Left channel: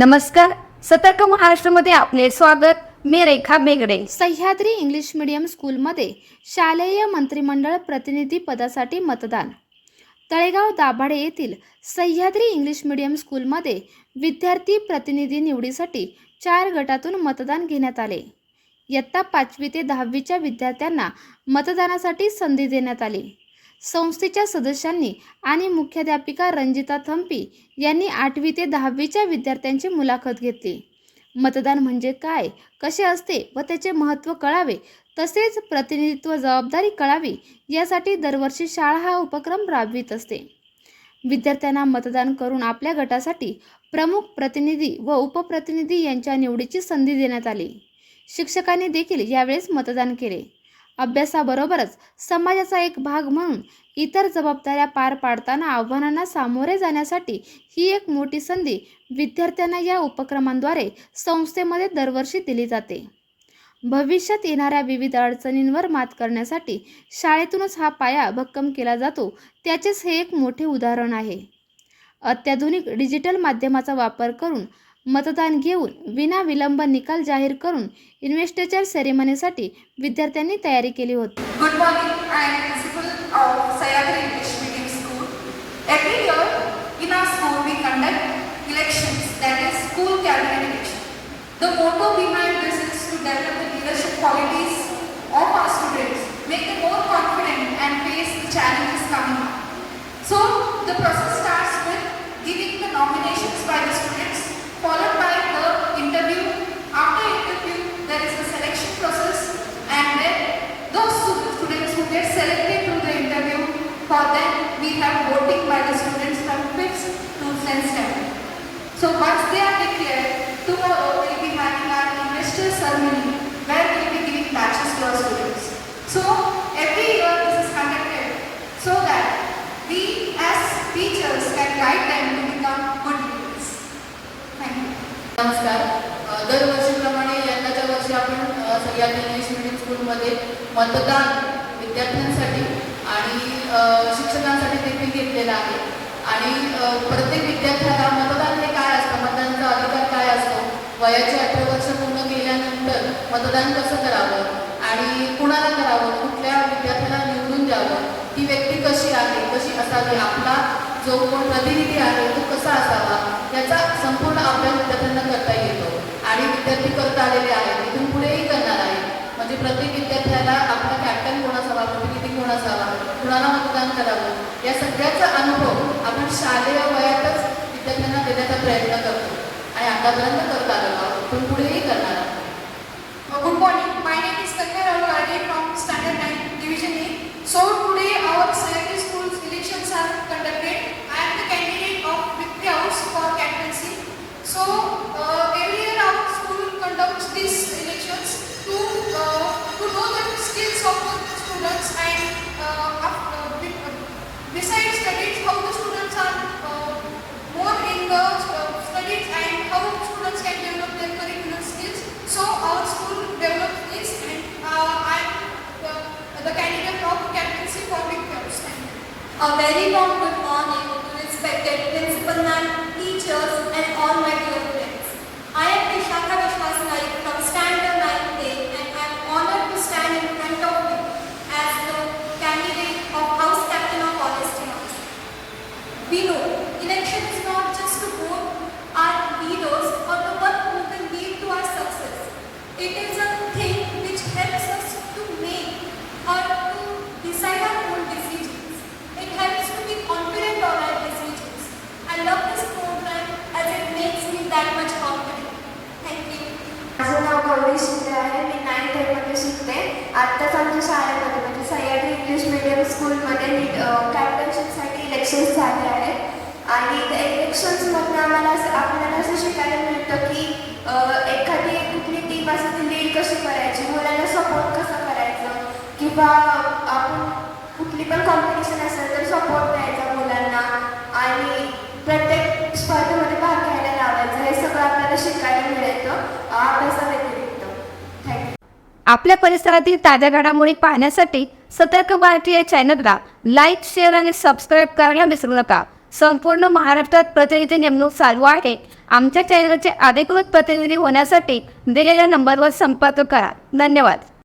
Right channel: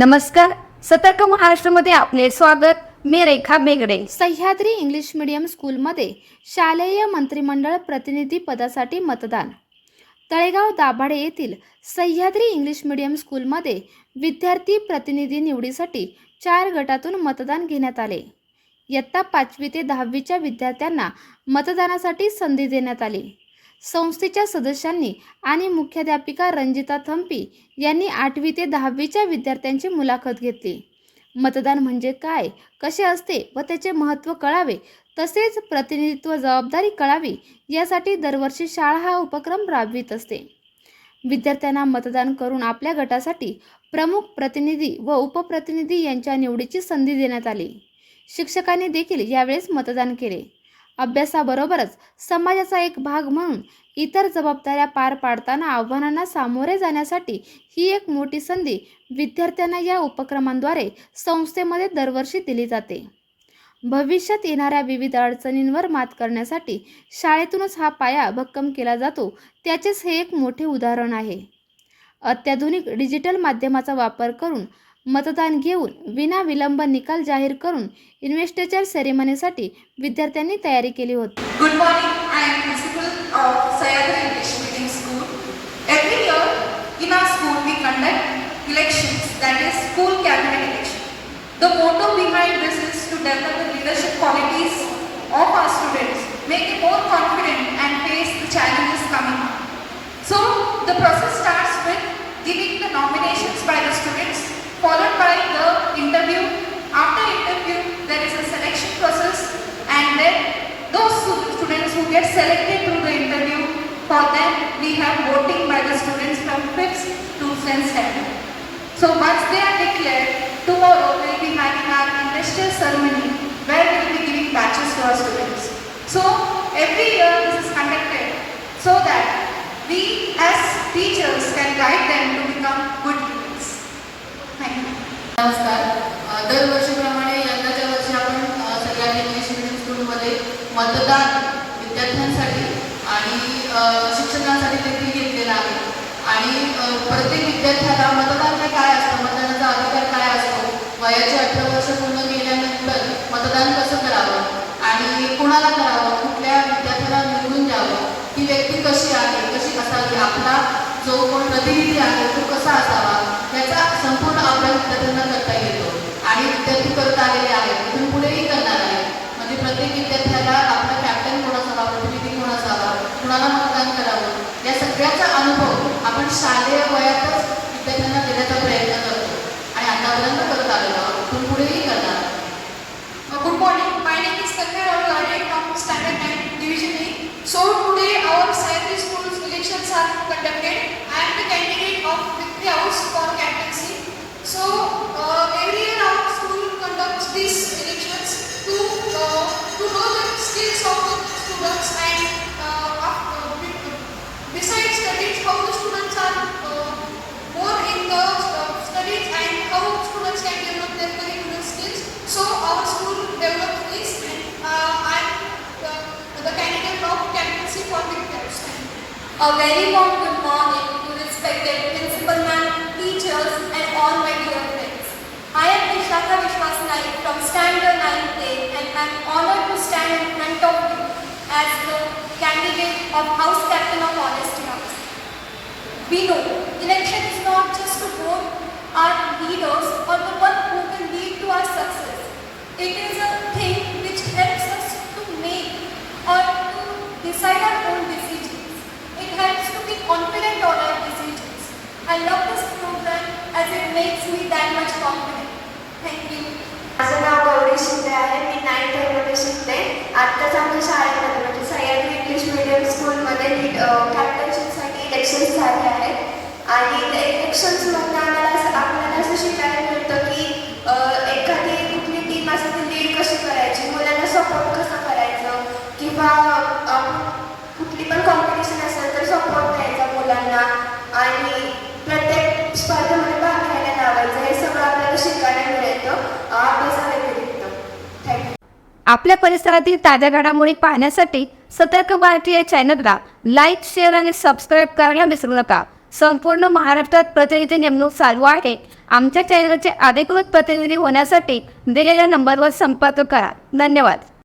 नमस्कार. सतर्क महाराष्ट्रामध्ये आपले स्वागत. मी रेखा बेगडे. सह्याद्री इंग्लिश मीडियम स्कूलमध्ये शालेय मंत्रिमंडळ प्रतिनिधी पदासाठी मतदान. तळेगाव दाभाडे येथील सह्याद्री इंग्लिश मीडियम स्कूलमध्ये विद्यार्थी प्रतिनिधी निवडीसाठी 4 गटातून मतदान घेण्यात आले. इयत्ता 5वी ते 10वीच्या विद्यार्थ्यांना मतदानासाठी संधी देण्यात आली. संस्थेच्या सदस्यांनी आणि मुख्याध्यापिका रंजिता थंपी यांनी 8वी ते 10वीच्या विद्यार्थ्यांची मुलाखत घेतली. मतदान म्हणजे काय, कसे असते व त्याचे महत्त्व कळावे, तसेच प्रतिनिधित्व जबाबदारी कळावी यासाठी दरवर्षी शाळा हा उपक्रम राबवित असते. विद्यार्थ्यांना मतदान करून आपल्या गटासाठी प्रमुख प्रतिनिधी व उपप्रतिनिधी यांच्या निवडीची संधी देण्यात आली. शिक्षकांनी देखील यावेळेस मतदान केले. अभ्यासाबरोबरच समाजाचा एक भाग म्हणून इतर जबाबदाऱ्या पार पाडताना आव्हानांना सामोरे जाण्यासाठी ही एक मोठी संधी विद्यार्थ्यांना या उपक्रमांद्वारे संस्थेमध्ये दरवर्षी दिली जाते. भविष्यात येणाऱ्या विविध अडचणींवर मात करण्यासाठी शाळेतूनच हा पाया भक्कम केला जातो, त्याचेच हे एक मोठे उदाहरण आहे. अत्याधुनिक डिजिटल माध्यमाचा वापर करून मतदान घेऊन विनाविलंब निकाल जाहीर करून इन्व्हेस्टिचर सेरेमनीसाठी विद्यार्थ्यांनी तयारी केली होती. Good morning. I am principal of Sayagri English Medium School. Every year in our school we conduct elections, that is school cabinet election. The motto behind this is to develop the leadership qualities of our students, make them more confident and face the challenges coming up. So the process starts with giving the nominations by the students, followed by the interview. After interview there is a selection process, and then those students who get selected to the interview, for them we have voting by the students from 5th to 10th standard. So once they are declared, tomorrow we will be having our investor ceremony where we will be giving badges to our students. So every year this is conducted so that we as teachers can guide them to become good leaders. Thank you. नमस्कार. दरवर्षीप्रमाणे यंदाच्या वर्षी आपण Sahyadri English medium स्कूलमध्ये मतदान विद्यार्थ्यांसाठी आणि शिक्षकांसाठी देखील घेतलेलं आहे. आणि प्रत्येक विद्यार्थ्याला मतदान हे काय असतं, मतदानाचा अधिकार काय असतो, वयाचे 18 वर्ष पूर्ण केल्यानंतर मतदान कसं करावं आणि कुणाला करावं, कुठल्या विद्यार्थ्याला निवडून द्यावं, ती व्यक्ती कशी आहे, कशी असावी, आपला जो कोण प्रतिनिधी आहे तो कसा असावा, याचा संपूर्ण अभ्यास विद्यार्थ्यांना करता येतो. आणि विद्यार्थी करत आलेले आहेत, इथून पुढेही करणार आहेत. म्हणजे प्रत्येक विद्यार्थ्याला आपला कॅप्टन कोण असावा, प्रतिनिधी कोण असावा, कुणाला मतदान करावं, या सगळ्याचा अनुभव आपण शालेय वयातच विद्यार्थ्यांना देण्याचा प्रयत्न करतो आणि आतापर्यंत करत आलेलो आहोत, इथून पुढेही करणार. Good morning. My name is Tanmay Raghuwade from Standard 9 Division A. So today our Sayagri School's elections are conducted. I am the candidate of Vidya House for captaincy. So every year our school conducts these elections to know the skills of the students, and besides studies, how the students are more in the studies and how students can develop their curricular skills. So our school develops this, and I am the candidate of captaincy for Vidya House. A very warm good morning to respected principal ma'am, teachers and all my dear friends. I am Vishakha Vishwas Naik from Standard 9A, and I am honored to stand in front of you as the candidate of House Captain of Honesty House. We know election is not just to vote our leaders or the one who can lead to our success. It is a thing which helps us to make or to decide our own decisions. It helps to be confident on our decisions. I love this program as it makes me that much confident. Thank you. माझं नाव गौरी शिंदे आहे. मी 9th मध्ये शिकते. आत्ताच आमच्या शाळेमध्ये म्हणजे Sahyadri English medium स्कूलमध्ये कॅप्टनशिपसाठी elections झाले आहेत. आणि त्या इलेक्शन्समधून आपल्याला असं शिकायला मिळतं की एखादी कुठली टीम असेल ती लीड कशी करायची, मुलांना सपोर्ट कसा करायचं, किंवा आपण कुठली पण कॉम्पिटिशन असेल तर सपोर्ट द्यायचा मुलांना आणि प्रत्येक स्पर्धेमध्ये भाग घ्यायला लावायचं. हे सगळं आपल्याला शिकायला मिळतं अभ्यासाव्यतिरिक्त. थँक्यू. आपल्या परिसरातील ताज्या घडामोडी पाहण्यासाठी सतर्क भारतीय चॅनलला लाईक, शेअर आणि सबस्क्राईब करायला विसरू नका. संपूर्ण महाराष्ट्रात प्रतिनिधी नेमणूक चालू आहे. आमच्या चॅनलचे अधिकृत प्रतिनिधी होण्यासाठी दिलेल्या नंबरवर संपर्क करा. धन्यवाद.